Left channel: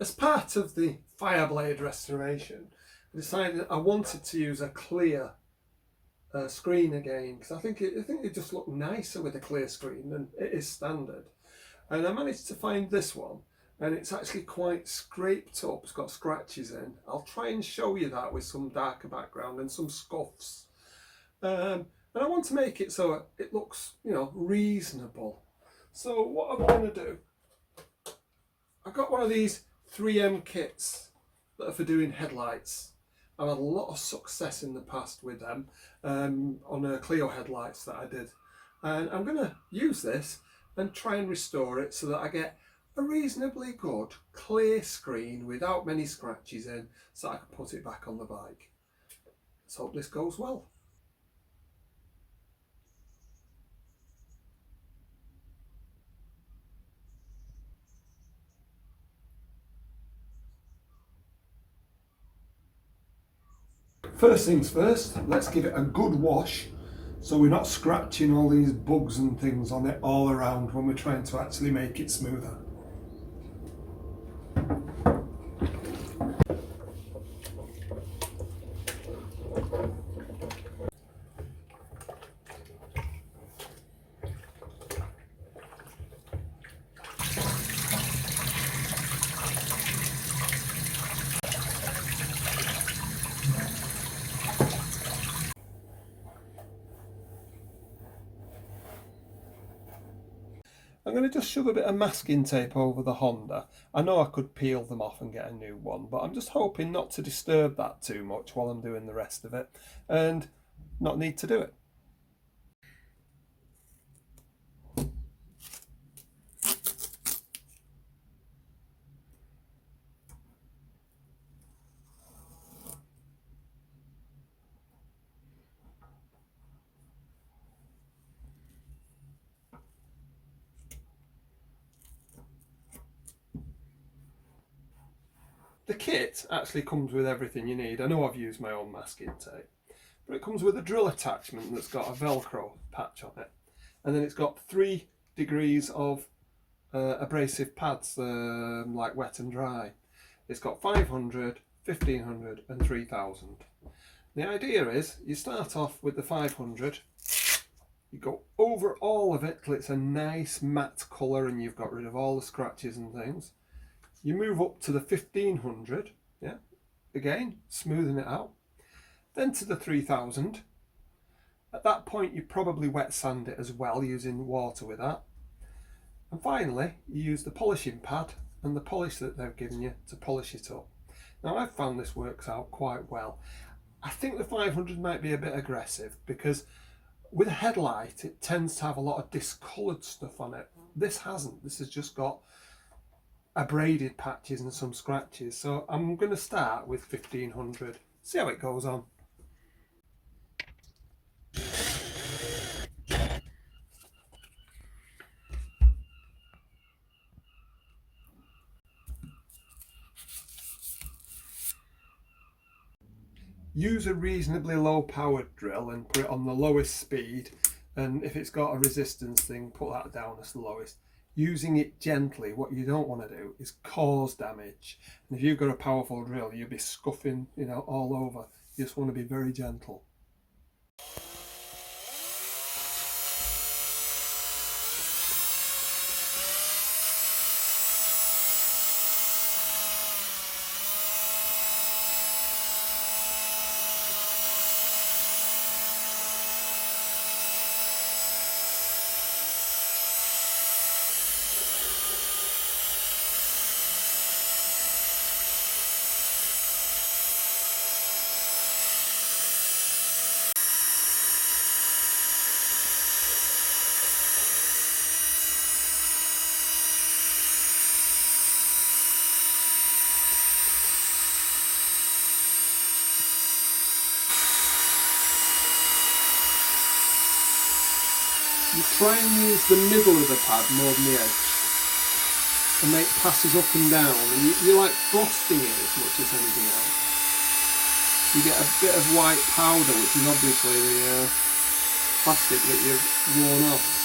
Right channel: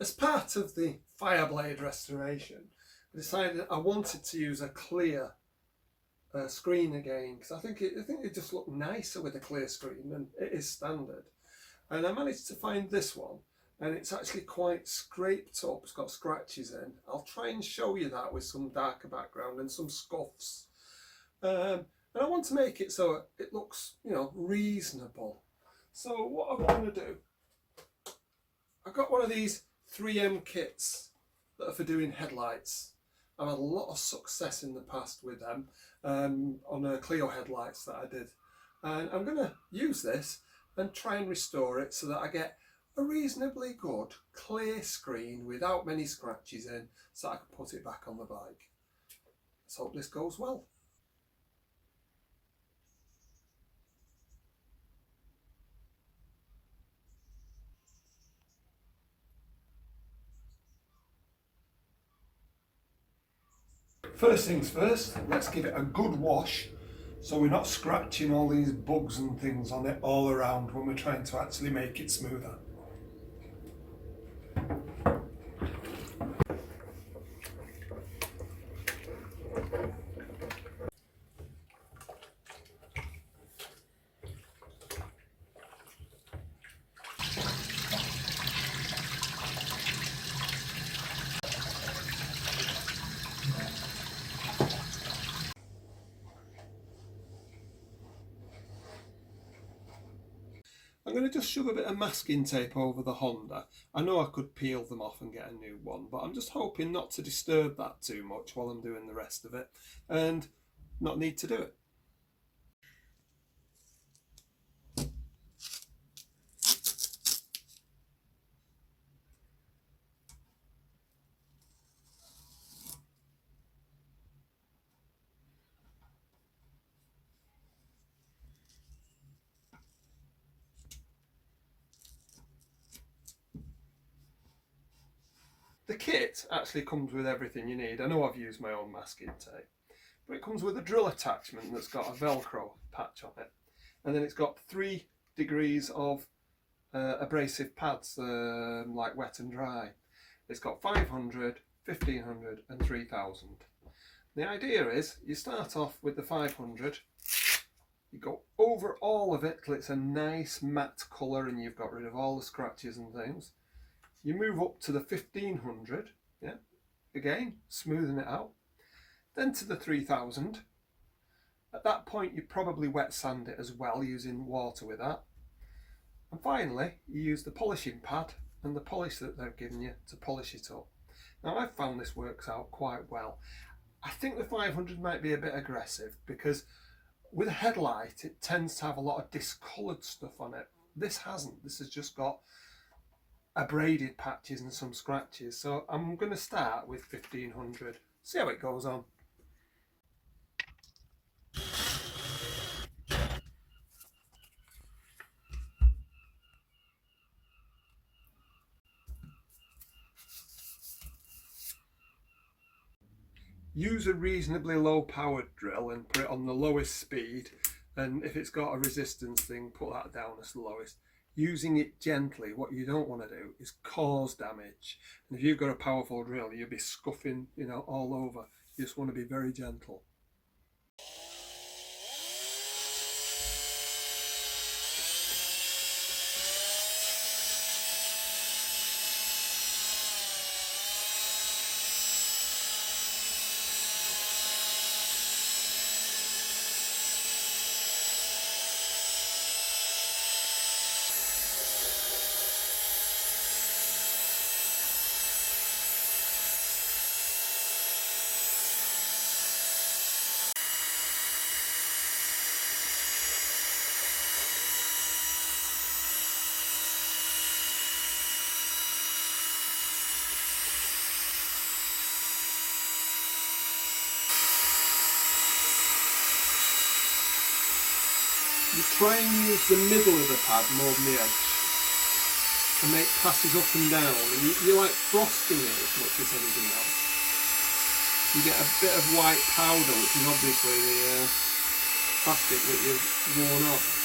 As part of the Fireblade restoration, I decided I wanted to use a clear screen again, because I think it just looked nicer with a clear screen, and it is standard. And I managed to find this one, and it's actually quite scraped up. It's got scratches in. I'll try and show you that with some darker background and some scuffs. And I want to make it so it looks, you know, reasonable. So what I'm going to do, I got one of these 3M kits that are for doing headlights. I've had a lot of success in the past with them on Clio headlights that I did. And I'm going to use this and try and restore it so that I get a reasonably good clear screen without many scratches in, so I can put it back on the bike. Let's hope this goes well. First things first, let's give it a good wash so we're not scratching all these bugs and things on it all around when we're trying to actually make it smoother. I'm going to just shove a bit of masking tape over the Honda. I know I could peel them off and get a new one, but I'm just hoping not to disturb that too much while I'm doing the rest of it and not need to do it. The kit actually comes with everything you need. I know I've used my own masking tape, but it comes with a drill attachment that's got a Velcro patch on it, and then it's got 3 degrees of abrasive pads, like wet and dry. It's got 500, 1500 and 3000. The idea is you start off with the 500, you go over all of it till it's a nice matte colour and you've got rid of all the scratches and things. You move up to the 1500, yeah, again, smoothing it out. Then to the 3000. At that point, you probably wet sand it as well, using water with that. And finally, you use the polishing pad and the polish that they've given you to polish it up. Now, I've found this works out quite well. I think the 500 might be a bit aggressive because with a headlight, it tends to have a lot of discoloured stuff on it. This hasn't. This has just got abraded patches and some scratches, so I'm going to start with 1500, see how it goes on. Use a reasonably low powered drill and put it on the lowest speed, and if it's got a resistance thing, put that down as the lowest. Using it gently, what you don't want to do is cause damage. And if you've got a powerful drill, you'll be scuffing, you know, all over. You just want to be very gentle. You try and use the middle of the pad more than the edge and make passes up and down, and you're like frosting it as much as anything else. You get a bit of white powder, which is obviously the plastic that you've worn off.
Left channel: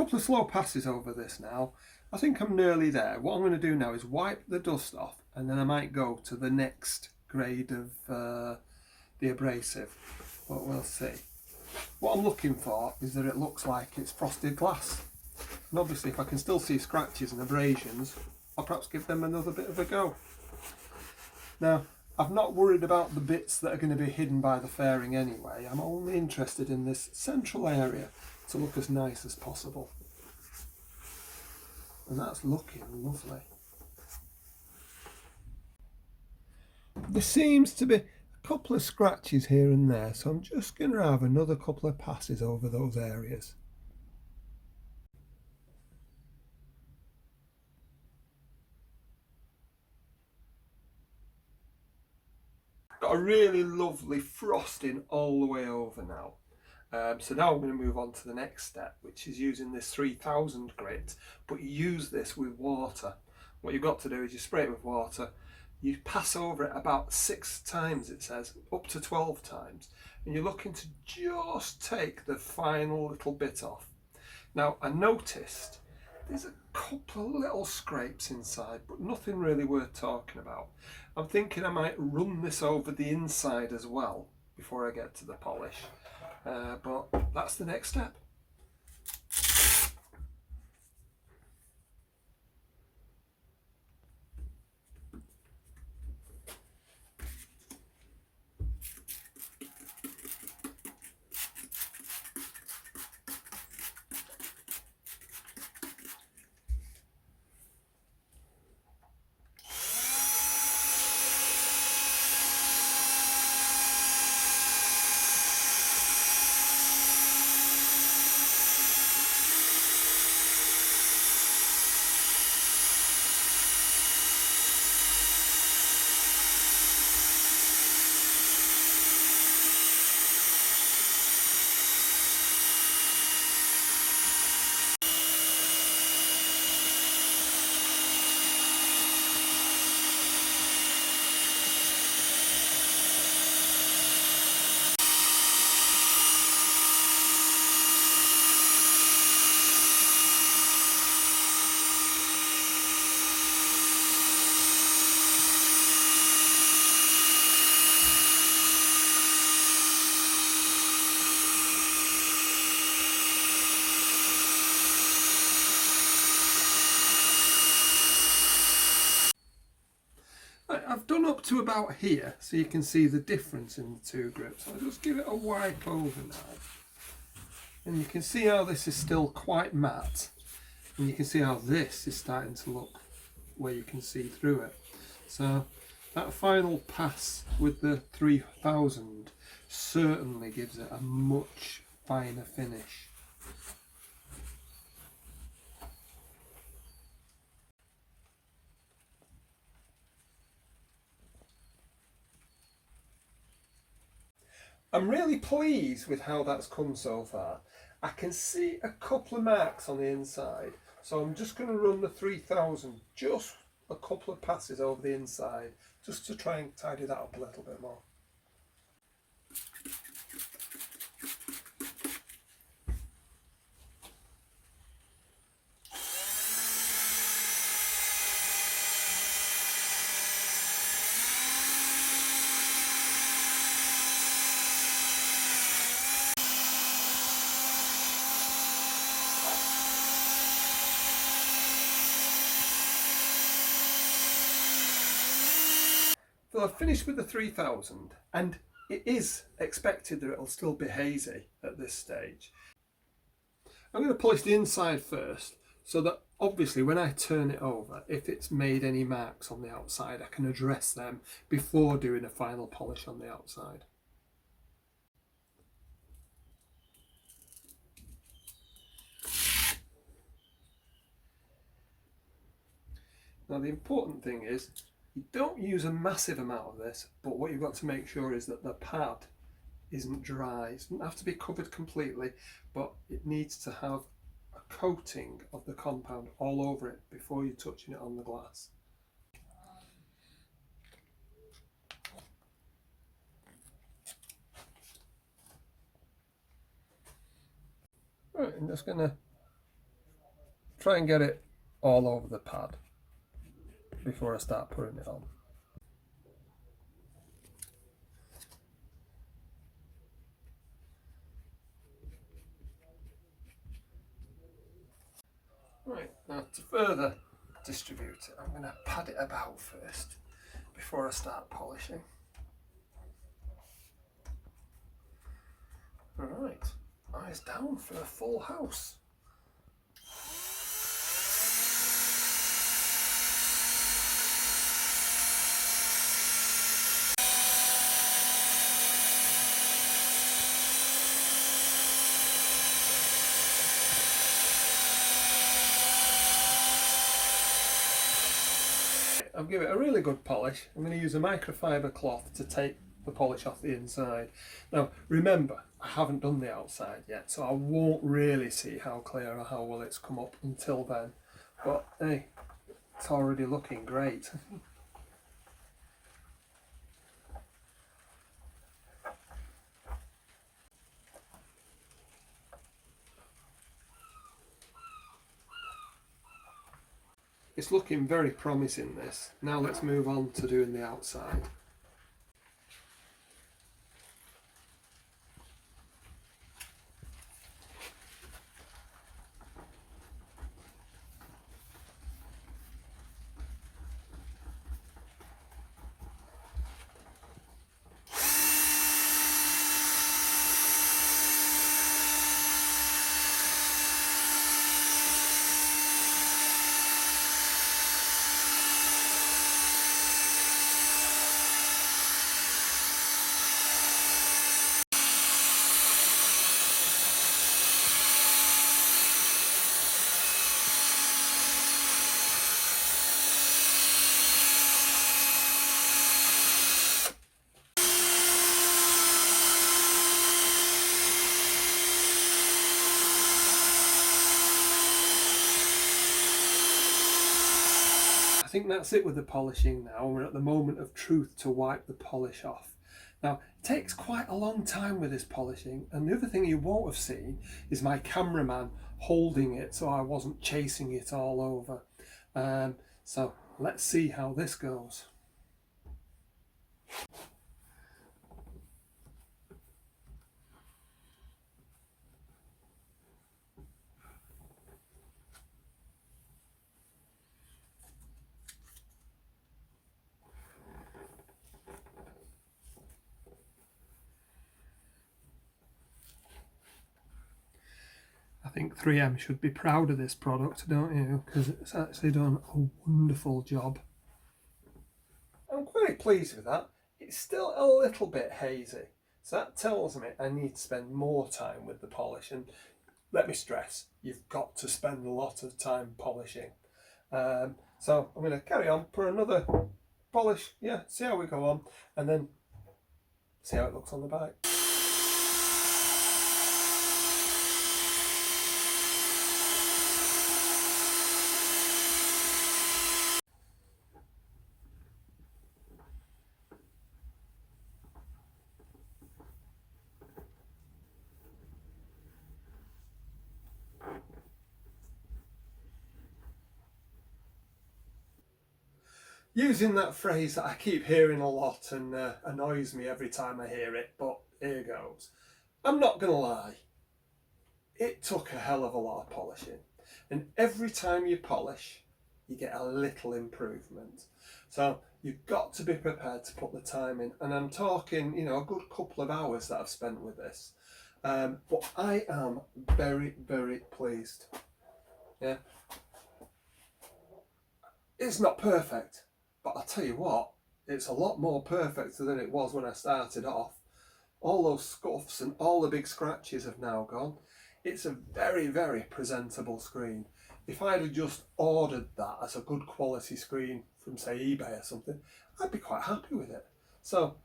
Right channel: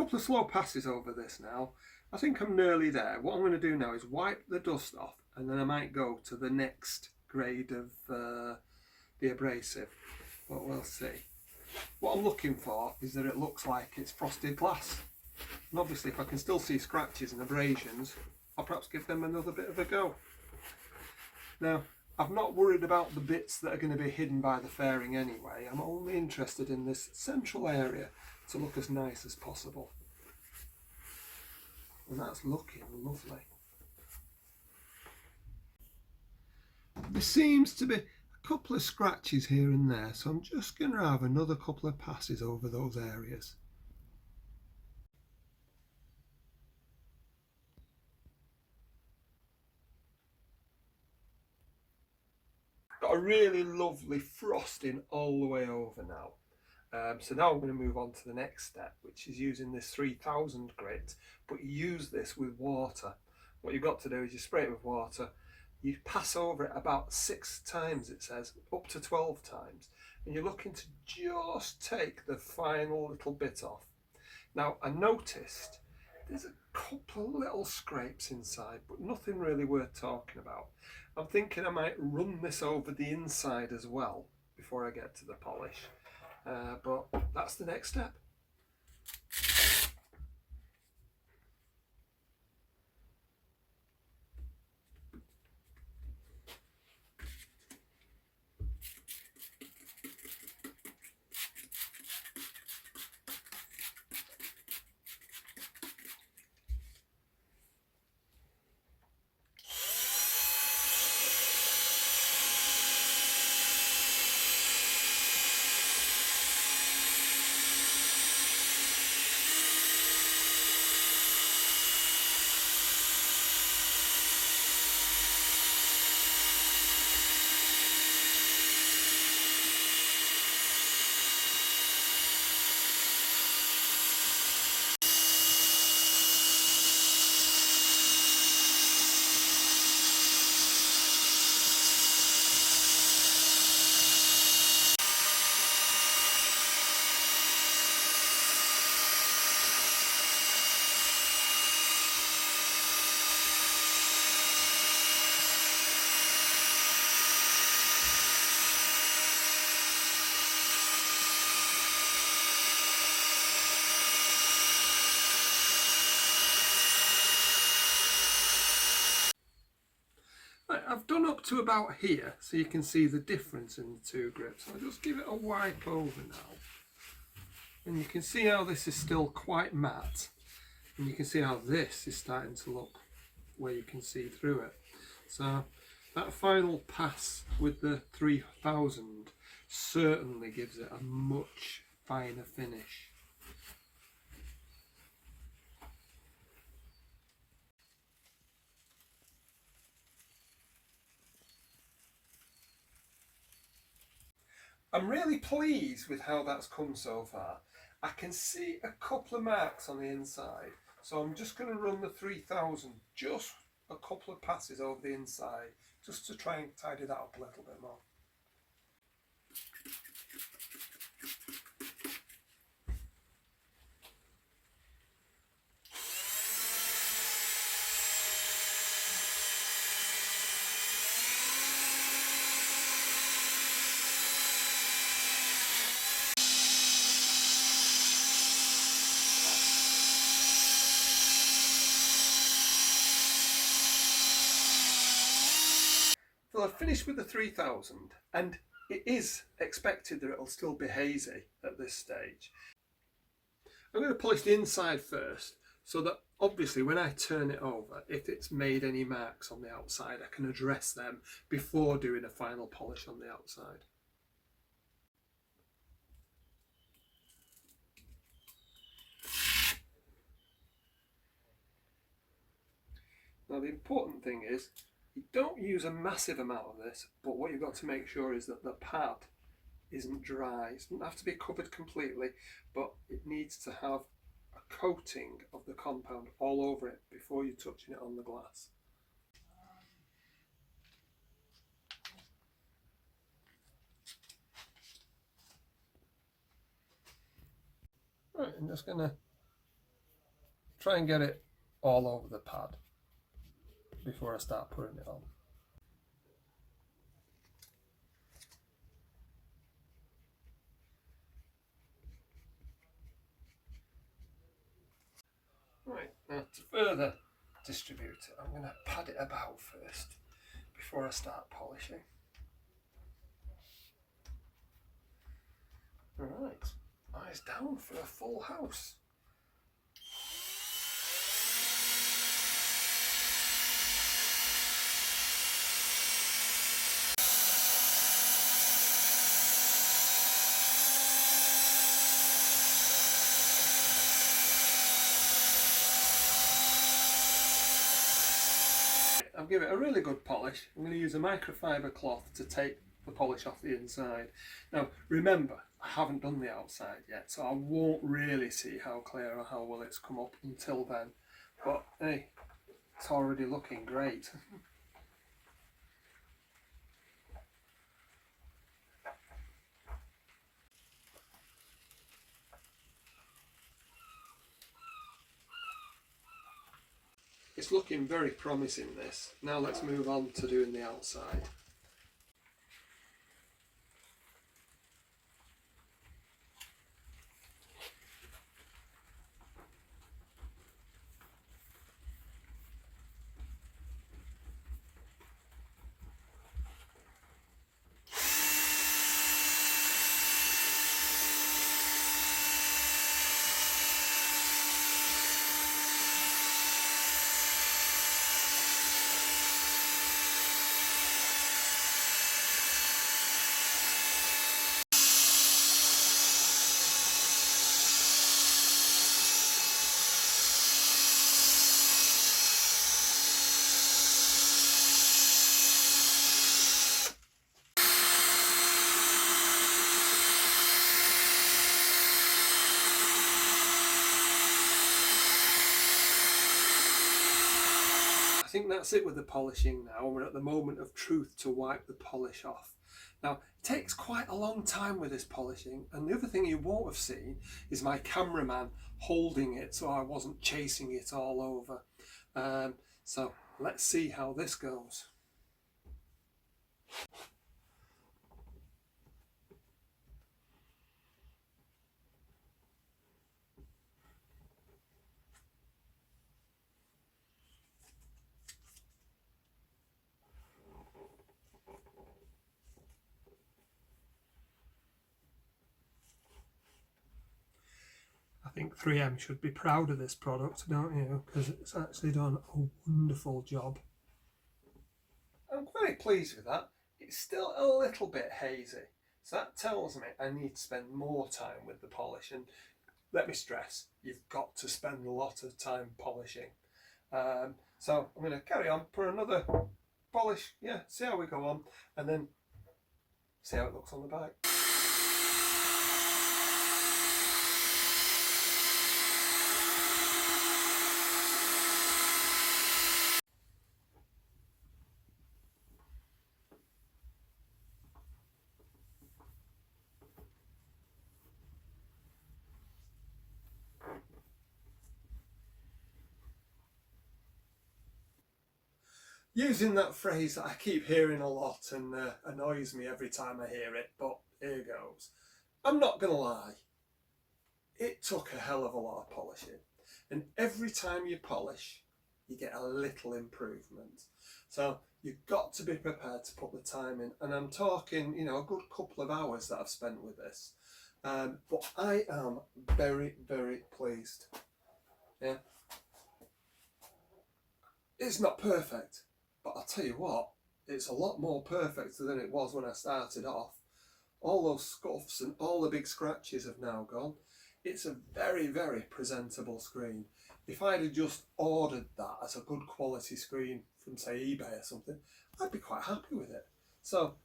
couple of slow passes over this now. I think I'm nearly there. What I'm going to do now is wipe the dust off, and then I might go to the next grade of the abrasive, but we'll see. What I'm looking for is that it looks like it's frosted glass, and obviously if I can still see scratches and abrasions, I'll perhaps give them another bit of a go. Now, I've not worried about the bits that are going to be hidden by the fairing anyway. I'm only interested in this central area to look as nice as possible. And that's looking lovely. There seems to be a couple of scratches here and there, so I'm just going to have another couple of passes over those areas. Got a really lovely frosting all the way over now. So now I'm going to move on to the next step, which is using this 3000 grit, but you use this with water. What you've got to do is you spray it with water, you pass over it about 6 times, it says, up to 12 times, and you're looking to just take the final little bit off. Now, I noticed there's a couple of little scrapes inside, but nothing really worth talking about. I'm thinking I might run this over the inside as well before I get to the polish. But that's the next step. I've done up to about here, so you can see the difference in the two grips. I'll just give it a wipe over now. And you can see how this is still quite matte. And you can see how this is starting to look where you can see through it. So that final pass with the 3000 certainly gives it a much finer finish. I'm really pleased with how that's come so far. I can see a couple of marks on the inside, so I'm just going to run the 3000 just a couple of passes over the inside just to try and tidy that up a little bit more. So I've finished with the 3000, and it is expected that it'll still be hazy at this stage. I'm going to polish the inside first, so that obviously when I turn it over, if it's made any marks on the outside, I can address them before doing a final polish on the outside. Now the important thing is, you don't use a massive amount of this, but what you've got to make sure is that the pad isn't dry. It doesn't have to be covered completely, but it needs to have a coating of the compound all over it before you're touching it on the glass. Right, I'm just going to try and get it all over the pad before I start putting it on. Right, now to further distribute it, I'm going to pad it about first before I start polishing. Alright, eyes down for a full house. I'll give it a really good polish. I'm going to use a microfiber cloth to take the polish off the inside. Now remember, I haven't done the outside yet, so I won't really see how clear or how well it's come up until then. But hey, it's already looking great. It's looking very promising, this. Now let's move on to doing the outside. I think that's it with the polishing now. We're at the moment of truth to wipe the polish off. Now, it takes quite a long time with this polishing, and the other thing you won't have seen is my cameraman holding it so I wasn't chasing it all over. So let's see how this goes. I think 3M should be proud of this product, don't you? Because it's actually done a wonderful job. I'm quite pleased with that. It's still a little bit hazy, so that tells me I need to spend more time with the polish. And let me stress, you've got to spend a lot of time polishing. So I'm going to carry on, put another polish, yeah, see how we go on, and then see how it looks on the bike. Using that phrase that I keep hearing a lot and annoys me every time I hear it, but here goes. I'm not going to lie, it took a hell of a lot of polishing, and every time you polish you get a little improvement. So you've got to be prepared to put the time in, and I'm talking, you know, a good couple of hours that I've spent with this. But I am very, very pleased. Yeah, it's not perfect, but I'll tell you what, it's a lot more perfect than it was when I started off. All those scuffs and all the big scratches have now gone. It's a very, very presentable screen. If I'd have just ordered that as a good quality screen from, say, eBay or something, I'd be quite happy with it. So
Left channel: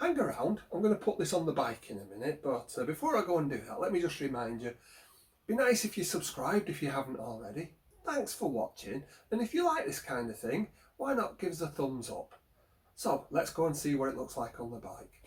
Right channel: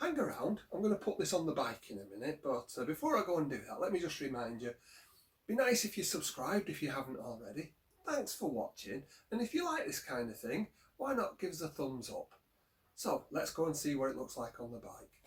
hang around, I'm going to put this on the bike in a minute, but before I go and do that, let me just remind you, be nice if you subscribed if you haven't already. Thanks for watching, and if you like this kind of thing, why not give us a thumbs up? So let's go and see what it looks like on the bike.